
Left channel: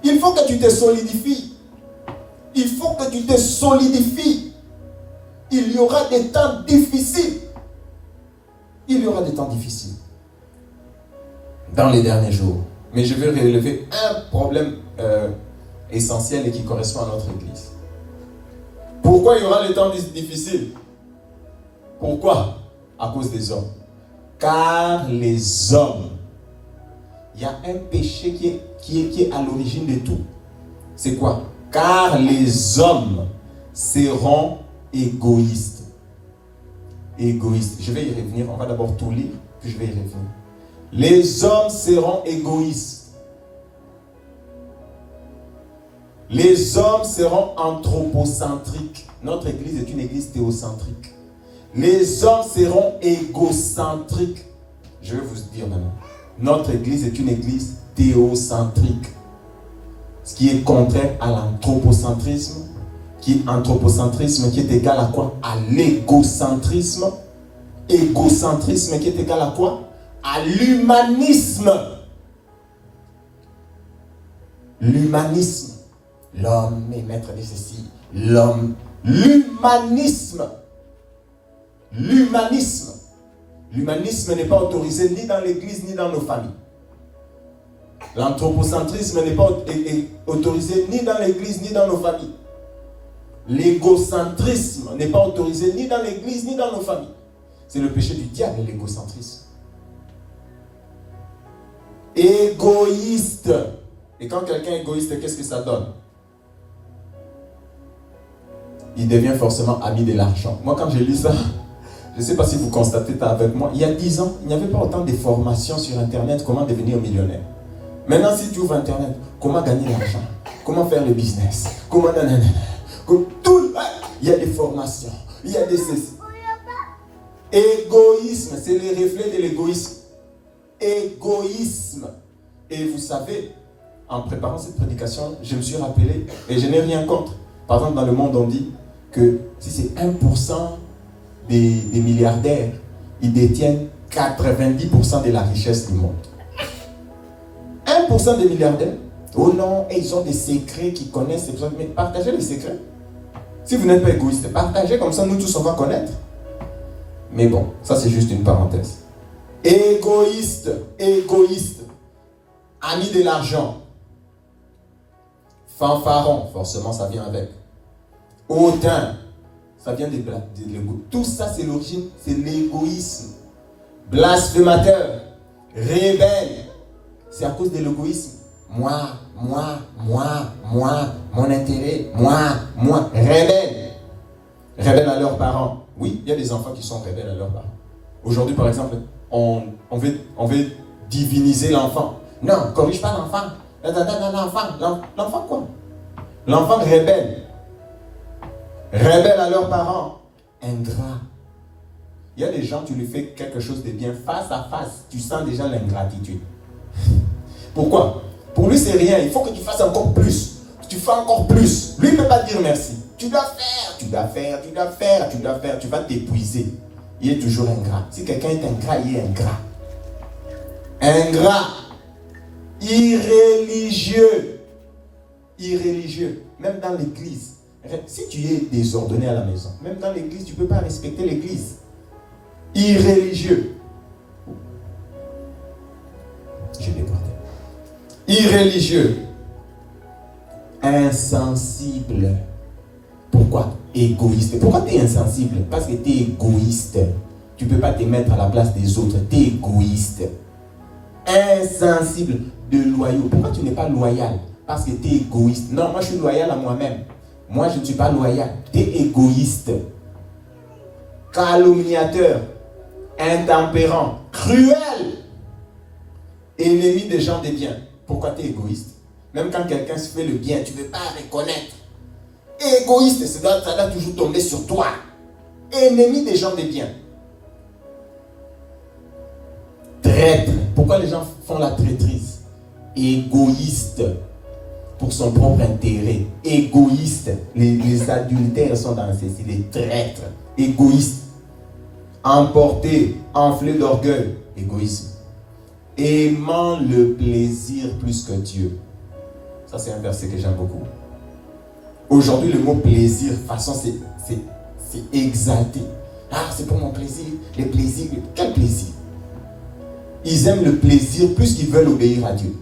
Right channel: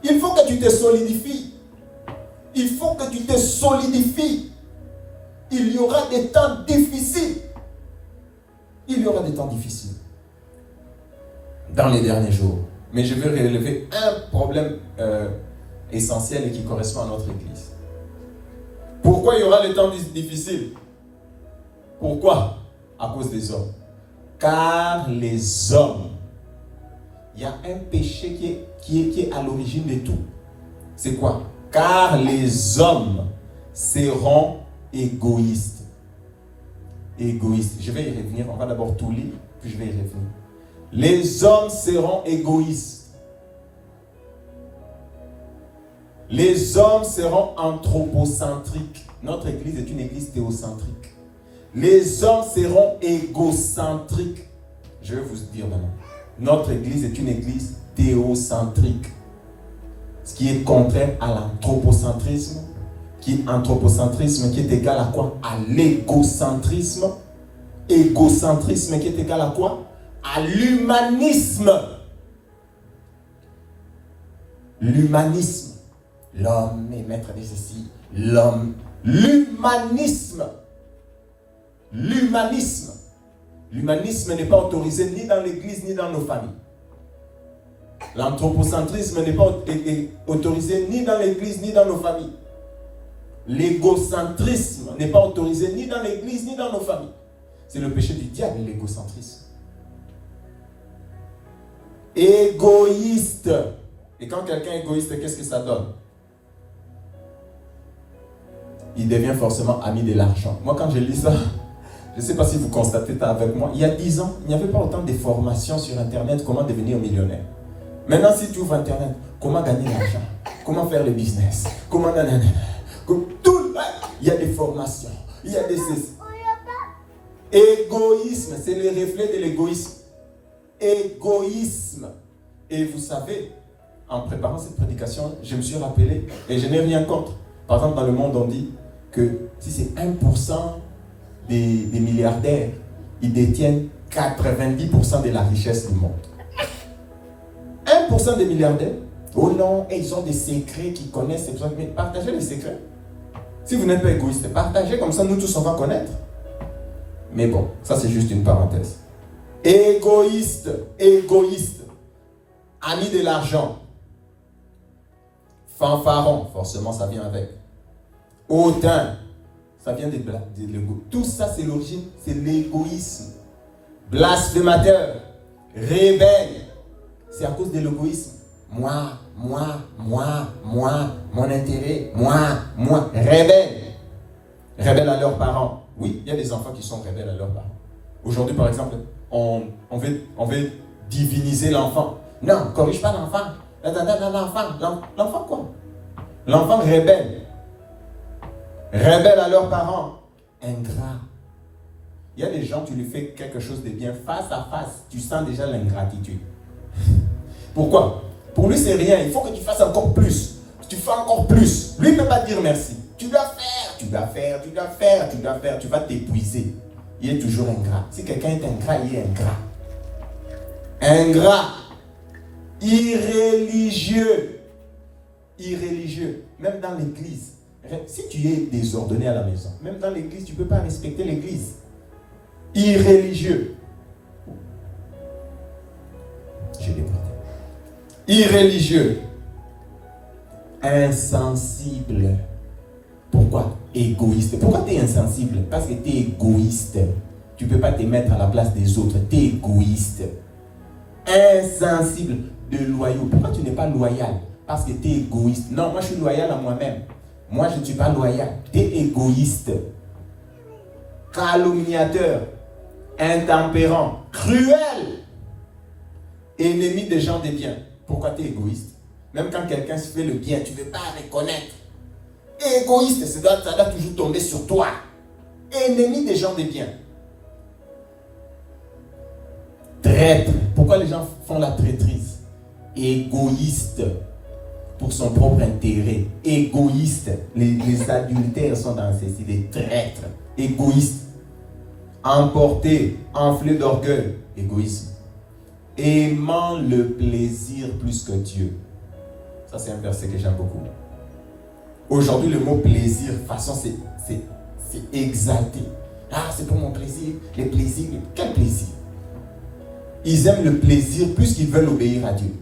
Il faut que tu te solidifies. Il y aura des temps difficiles. Dans les derniers jours. Mais je veux relever un problème essentiel et qui correspond à notre Église. Pourquoi il y aura des temps difficiles? Pourquoi? À cause des hommes. Car les hommes, il y a un péché qui est à l'origine de tout. C'est quoi? Car les hommes seront égoïstes. Je vais y revenir. On va d'abord tout lire, puis je vais y revenir. Les hommes seront égoïstes. Les hommes seront anthropocentriques. Notre église est une église théocentrique. Les hommes seront égocentriques. Je vais vous dire maintenant. Notre église est une église théocentrique. Ce qui est contraire à l'anthropocentrisme. Anthropocentrisme qui est égal à quoi? À l'égocentrisme. Égocentrisme qui est égal à quoi? À l'humanisme. L'humanisme. L'homme est maître de ceci. L'homme. L'humanisme. L'humanisme n'est pas autorisé ni dans l'église ni dans nos familles. L'anthropocentrisme n'est pas autorisé ni dans l'église ni dans nos familles. L'égocentrisme n'est pas autorisé ni dans l'église ni dans nos familles. C'est le péché du diable, l'égocentrisme. Égoïste. Et quand quelqu'un est égoïste, qu'est-ce que ça donne? Il devient forcément ami de l'argent. Moi, quand je lis ça, je ne sais pas si vous constatez ça avec moi. Il y a 10 ans, il n'y avait pas autant de formations sur Internet, comment devenir millionnaire. Maintenant, si tu ouvres Internet, comment gagner l'argent, comment faire le business, comment nanana, tout, il y a des formations, il y a des... Égoïsme, c'est le reflet de l'égoïsme. Égoïsme. Et vous savez, en préparant cette prédication, je me suis rappelé, et je n'ai rien contre. Par exemple, dans le monde, on dit que si c'est 1% des milliardaires, ils détiennent 90% de la richesse du monde. 1% des milliardaires, oh non, et ils ont des secrets qu'ils connaissent, mais partagez les secrets. Si vous n'êtes pas égoïste, partagez, comme ça nous tous on va connaître. Mais bon, ça c'est juste une parenthèse. Égoïste, égoïste. Ami de l'argent. Fanfaron, forcément ça vient avec. Hautain, ça vient de l'ego. Tout ça c'est l'origine, c'est l'égoïsme. Blasphémateur, rebelle, c'est à cause de l'égoïsme. Moi, mon intérêt, moi, rebelle. Rebelle à leurs parents. Oui, il y a des enfants qui sont rebelles à leurs parents. Aujourd'hui, par exemple, on veut diviniser l'enfant. Non, corrige pas l'enfant. L'enfant quoi? L'enfant rebelle. Rebelle à leurs parents. Ingrat. Il y a des gens, tu lui fais quelque chose de bien face à face, tu sens déjà l'ingratitude. Pourquoi? Pour lui, c'est rien. Il faut que tu fasses encore plus. Tu fais encore plus. Lui, il ne peut pas dire merci. Tu dois faire. Tu vas t'épuiser. Il est toujours ingrat. Si quelqu'un est ingrat, il est ingrat. Ingrat. Irréligieux. Irréligieux. Même dans l'église. Si tu es désordonné à la maison, même dans l'église, tu ne peux pas respecter l'église. Irréligieux. Je l'ai porté. Irréligieux. Insensible. Pourquoi? Égoïste. Pourquoi tu es insensible? Parce que tu es égoïste. Tu ne peux pas te mettre à la place des autres. Tu es égoïste. Insensible. De loyaux. Pourquoi tu n'es pas loyal? Parce que tu es égoïste. Non, moi je suis loyal à moi-même. Moi je ne suis pas loyal. Tu es égoïste. Calomniateur. Intempérant. Cruel. Ennemi des gens des biens. Pourquoi tu es égoïste? Même quand quelqu'un se fait le bien, tu ne veux pas reconnaître. Égoïste, ça doit toujours tomber sur toi. Ennemi des gens des biens. Traître. Pourquoi les gens font la traîtrise? Égoïste. Pour son propre intérêt. Égoïste. Les adultères sont dans ces des traîtres. Égoïste. Emporté, enflé d'orgueil. Égoïsme. Aimant le plaisir plus que Dieu. Ça, c'est un verset que j'aime beaucoup. Aujourd'hui, le mot plaisir, de toute façon, c'est exalté. Ah, c'est pour mon plaisir, les plaisirs. Quel plaisir? Ils aiment le plaisir plus qu'ils veulent obéir à Dieu.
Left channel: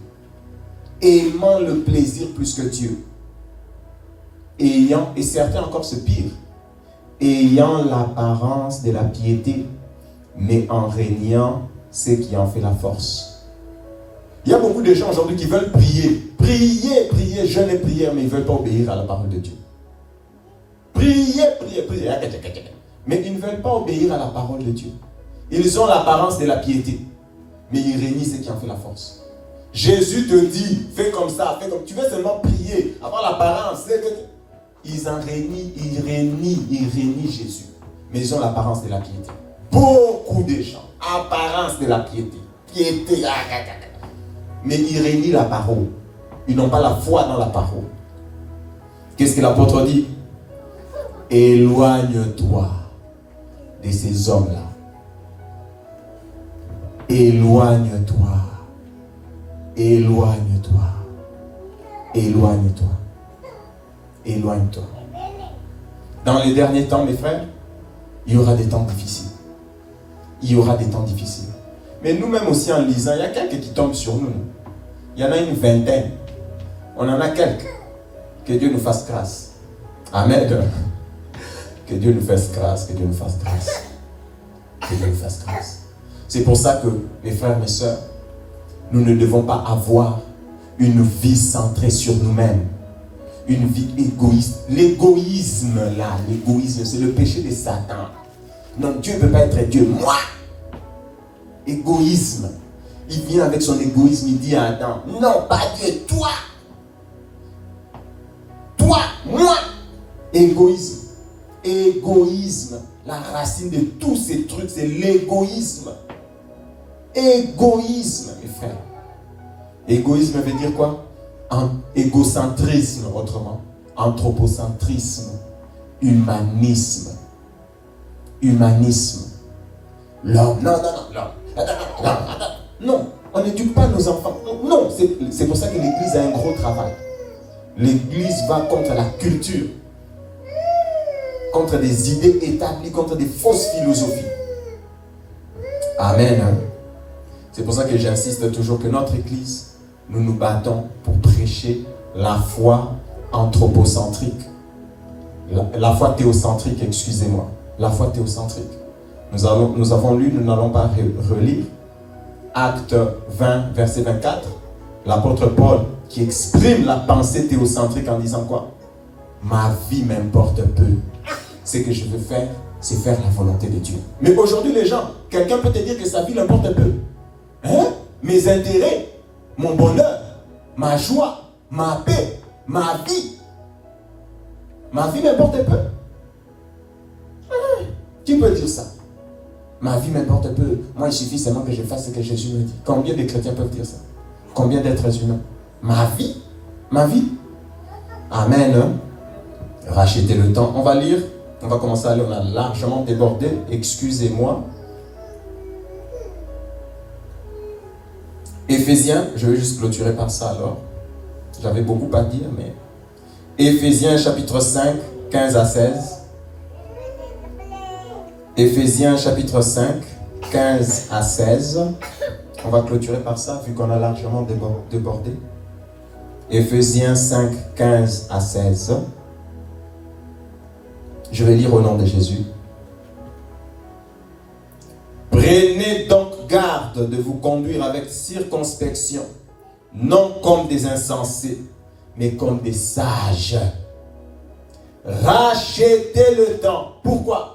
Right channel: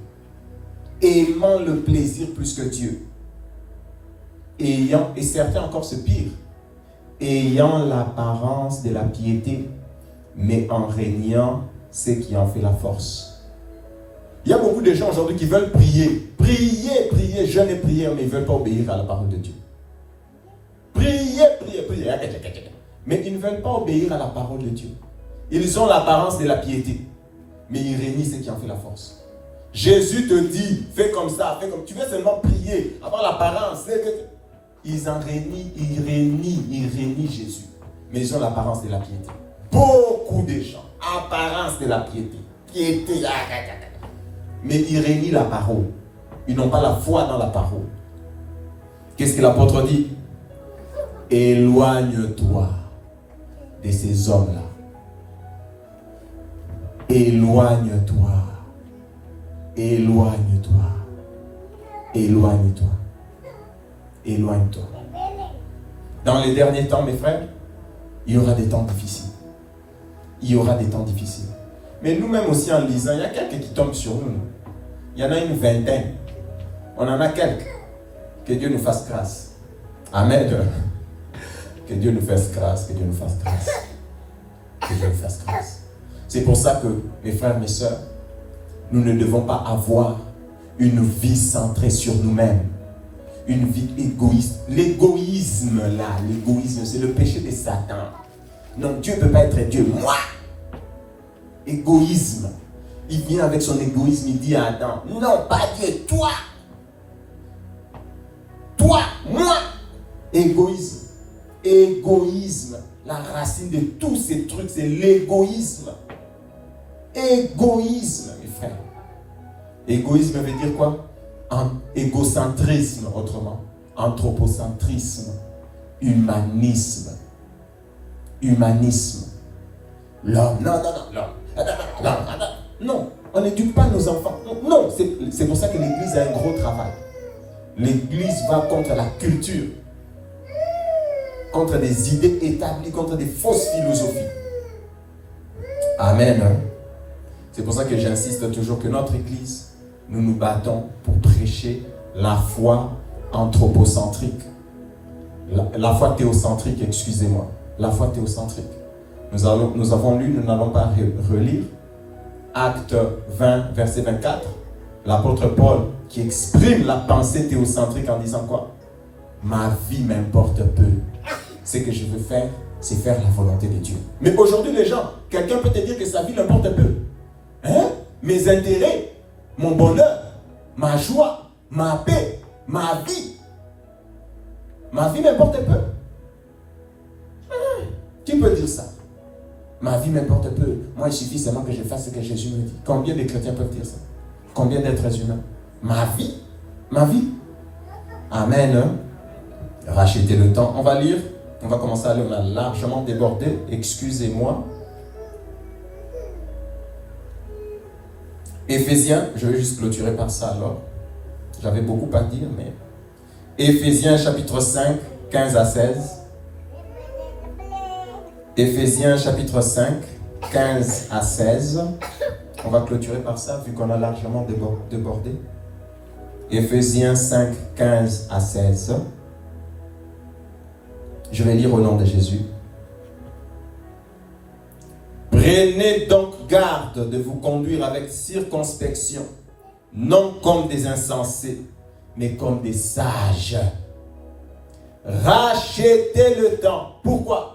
Aimant le plaisir plus que Dieu. Et certains encore se pire. Ayant l'apparence de la piété, mais en régnant ce qui en fait la force. Il y a beaucoup de gens aujourd'hui qui veulent prier, jeûne et prière, mais ils ne veulent pas obéir à la parole de Dieu. Prier, mais ils ne veulent pas obéir à la parole de Dieu. Ils ont l'apparence de la piété, mais ils régnisent ce qui en fait la force. Jésus te dit, fais comme ça, fais comme tu veux seulement prier, avoir l'apparence. Ils régnisent Jésus, mais ils ont l'apparence de la piété. Beaucoup de gens, apparence de la piété, mais ils renient la parole. Ils n'ont pas la foi dans la parole. Qu'est-ce que l'apôtre dit? Éloigne-toi de ces hommes-là. Éloigne-toi. Éloigne-toi. Éloigne-toi. Éloigne-toi. Dans les derniers temps, mes frères, il y aura des temps difficiles. Il y aura des temps difficiles. Mais nous-mêmes aussi, en lisant, il y a quelques qui tombent sur nous. Il y en a une vingtaine. On en a quelques. Que Dieu nous fasse grâce. Amen. Que Dieu nous fasse grâce. Que Dieu nous fasse grâce. Que Dieu nous fasse grâce. C'est pour ça que, mes frères, mes sœurs, nous ne devons pas avoir une vie centrée sur nous-mêmes. Une vie égoïste. L'égoïsme, là, l'égoïsme, c'est le péché de Satan. Non, Dieu ne peut pas être Dieu. Moi! Égoïsme. Il vient avec son égoïsme, il dit à Adam, non, pas Dieu, toi. Toi, moi. Égoïsme. Égoïsme. La racine de tous ces trucs, c'est l'égoïsme. Égoïsme, mes frères. Égoïsme veut dire quoi? Égocentrisme, autrement. Anthropocentrisme. Humanisme. Humanisme. L'homme, non, on n'éduque pas nos enfants. Non, c'est pour ça que l'Église a un gros travail. L'Église va contre la culture. contre des idées établies, contre des fausses philosophies. Amen. C'est pour ça que j'insiste toujours que notre Église, nous nous battons pour prêcher la foi anthropocentrique. La foi théocentrique, excusez-moi. La foi théocentrique. Nous avons lu, nous n'allons pas relire, Acte 20, verset 24, l'apôtre Paul qui exprime la pensée théocentrique en disant quoi? Ma vie m'importe peu. Ce que je veux faire, c'est faire la volonté de Dieu. Mais aujourd'hui, les gens, quelqu'un peut te dire que sa vie l'importe peu. Hein? Mes intérêts, mon bonheur, ma joie, ma paix, ma vie. Ma vie m'importe peu. Qui peut dire ça? Ma vie m'importe peu. Moi, il suffit seulement que je fasse ce que Jésus me dit. Combien de chrétiens peuvent dire ça? Combien d'êtres humains? Ma vie? Ma vie? Amen. Rachetez le temps. On va lire. On va commencer à lire. On a largement débordé. Excusez-moi. Éphésiens. Je vais juste clôturer par ça alors. J'avais beaucoup à dire, mais... Éphésiens chapitre 5, 15 à 16. Éphésiens chapitre 5, 15 à 16. On va clôturer par ça, vu qu'on a largement débordé. Éphésiens 5, 15 à 16. Je vais lire au nom de Jésus. Prenez donc garde de vous conduire avec circonspection, non comme des insensés, mais comme des sages. Rachetez le temps. Pourquoi?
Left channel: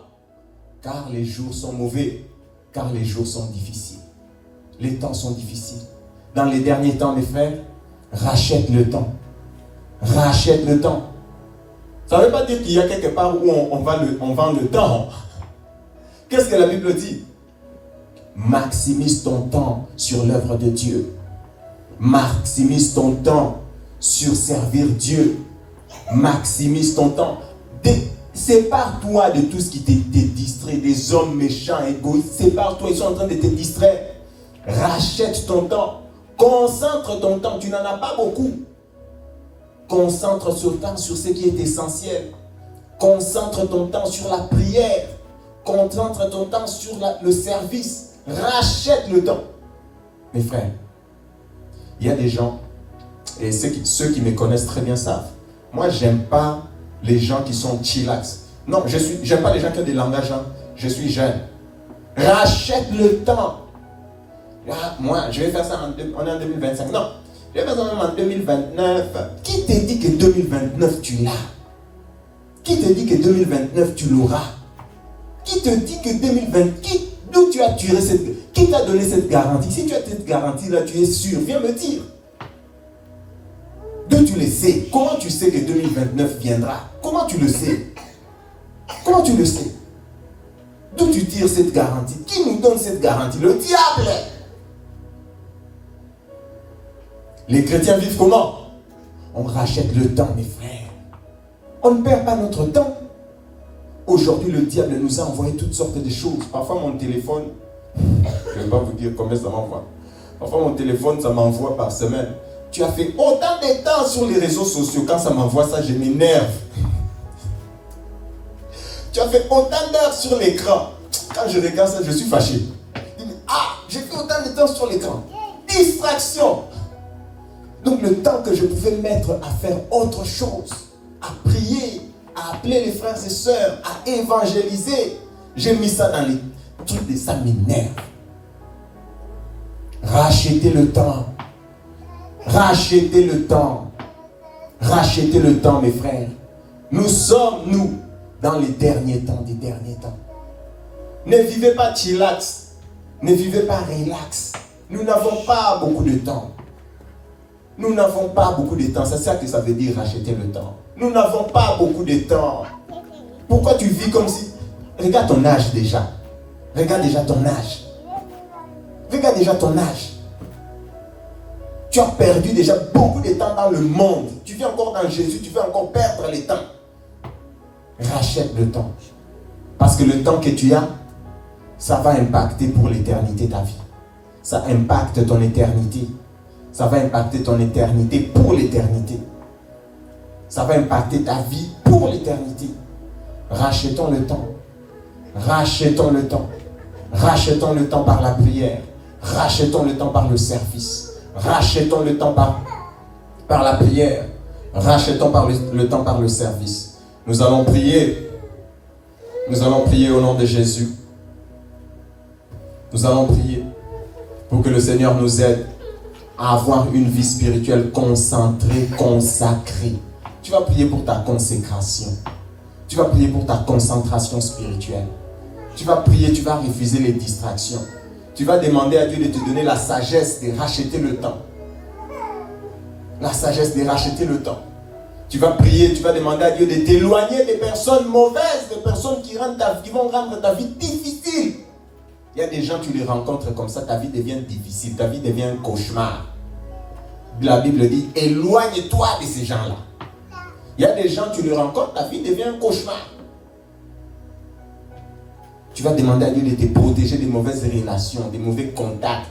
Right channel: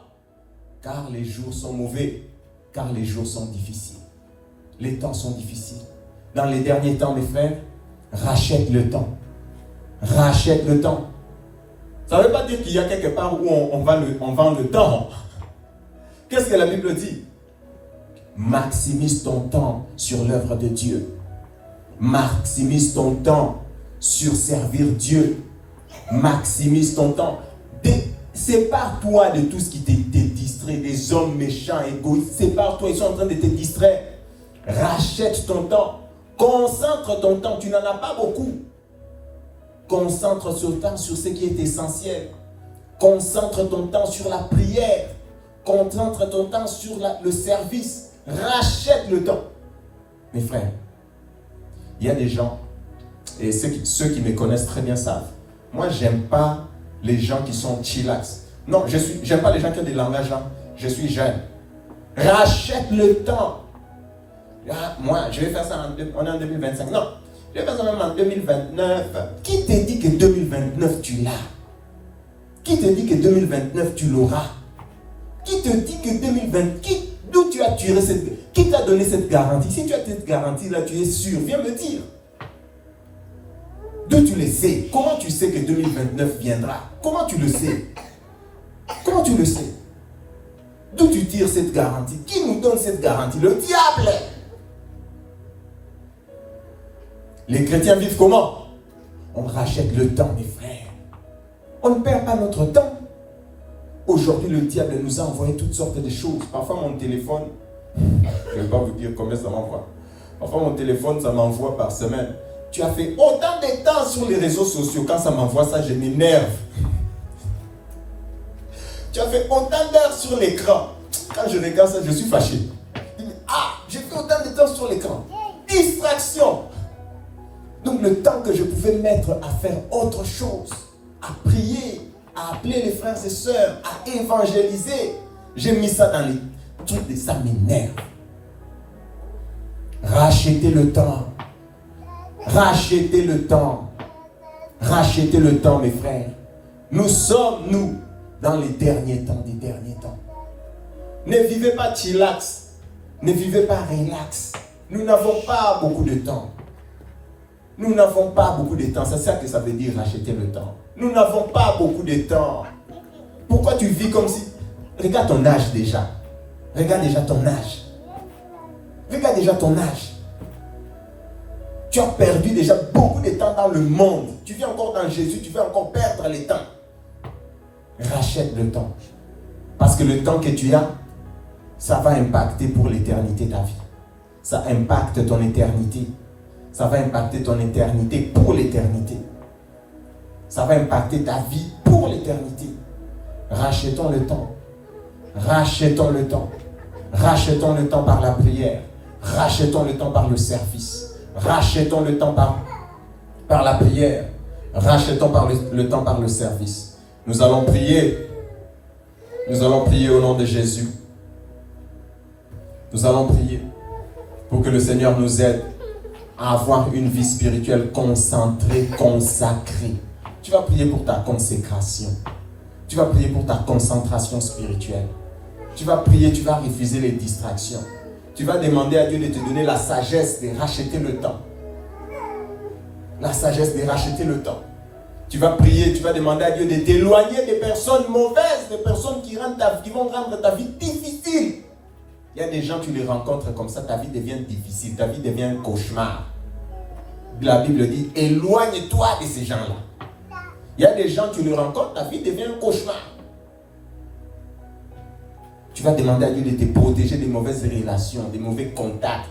Car les jours sont mauvais, car les jours sont difficiles. Les temps sont difficiles. Dans les derniers temps, mes frères, rachète le temps. Rachète le temps. Ça ne veut pas dire qu'il y a quelque part où on vend le temps. Qu'est-ce que la Bible dit? Maximise ton temps sur l'œuvre de Dieu. Maximise ton temps sur servir Dieu. Maximise ton temps. Sépare-toi de tout ce qui te distrait, des hommes méchants, égoïstes. Sépare-toi, ils sont en train de te distraire. Rachète ton temps. Concentre ton temps. Tu n'en as pas beaucoup. Concentre ton temps sur ce qui est essentiel. Concentre ton temps sur la prière. Concentre ton temps sur le service. Rachète le temps. Mes frères, il y a des gens, et ceux qui me connaissent très bien savent, moi, j'aime pas les gens qui sont chillax. Non, j'aime pas les gens qui ont des langages. Je suis jeune. Rachète le temps. Là, moi, je vais faire ça on est en 2025. Non, je vais faire ça même en 2029. Qui te dit que 2029 tu l'as? Qui te dit que 2029 tu l'auras? Qui te dit que 2020, d'où tu as tiré qui t'a donné cette garantie? Si tu as cette garantie là, tu es sûr, viens me dire. D'où tu le sais? Comment tu sais que 2029 viendra? Comment tu le sais? Comment tu le sais? D'où tu tires cette garantie? Qui nous donne cette garantie? Le diable! Les chrétiens vivent comment? On rachète le temps, mes frères. On ne perd pas notre temps. Aujourd'hui, le diable nous a envoyé toutes sortes de choses. Parfois, mon téléphone, je ne vais pas vous dire combien ça m'envoie. Parfois, mon téléphone, ça m'envoie par semaine. Tu as fait autant de temps sur les réseaux sociaux. Quand ça m'envoie ça, je m'énerve. Tu as fait autant d'heures sur l'écran. Quand je regarde ça, je suis fâché. Ah, j'ai fait autant de temps sur l'écran. Distraction. Donc le temps que je pouvais mettre à faire autre chose, à prier, à appeler les frères et sœurs, à évangéliser, j'ai mis ça dans les trucs et ça m'énerve. Rachetez le temps. Rachetez le temps. Rachetez le temps, mes frères. Nous sommes, nous, dans les derniers temps des derniers temps. Ne vivez pas chillax. Ne vivez pas relax. Nous n'avons pas beaucoup de temps. Nous n'avons pas beaucoup de temps. C'est ça que ça veut dire, racheter le temps. Nous n'avons pas beaucoup de temps. Pourquoi tu vis comme si... Regarde ton âge déjà. Regarde déjà ton âge. Regarde déjà ton âge. Tu as perdu déjà beaucoup de temps dans le monde. Tu vis encore dans Jésus, tu veux encore perdre le temps. Rachète le temps. Parce que le temps que tu as, ça va impacter pour l'éternité ta vie. Ça impacte ton éternité. Ça va impacter ton éternité pour l'éternité. Ça va impacter ta vie pour l'éternité. Rachetons le temps. Rachetons le temps. Rachetons le temps par la prière. Rachetons le temps par le service. Rachetons le temps par la prière. Rachetons le temps par le service. Nous allons prier. Nous allons prier au nom de Jésus. Nous allons prier pour que le Seigneur nous aide à avoir une vie spirituelle concentrée, consacrée. Tu vas prier pour ta consécration. Tu vas prier pour ta concentration spirituelle. Tu vas prier, tu vas refuser les distractions. Tu vas demander à Dieu de te donner la sagesse de racheter le temps. La sagesse de racheter le temps. Tu vas prier, tu vas demander à Dieu de t'éloigner des personnes mauvaises, des personnes qui vont rendre ta vie difficile. Il y a des gens, tu les rencontres comme ça, ta vie devient difficile, ta vie devient un cauchemar. La Bible dit, éloigne-toi de ces gens-là. Il y a des gens, tu les rencontres, ta vie devient un cauchemar. Tu vas demander à Dieu de te protéger des mauvaises relations, des mauvais contacts,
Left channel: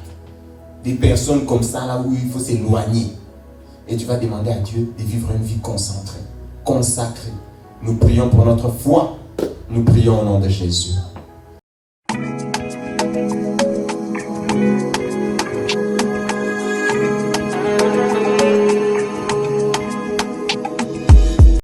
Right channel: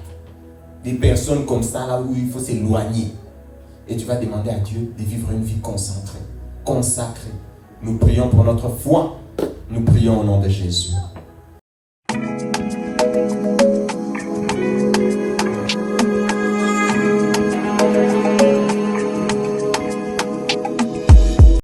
des personnes comme ça, là où il faut s'éloigner. Et tu vas demander à Dieu de vivre une vie concentrée, consacrée. Nous prions pour notre foi. Nous prions au nom de Jésus.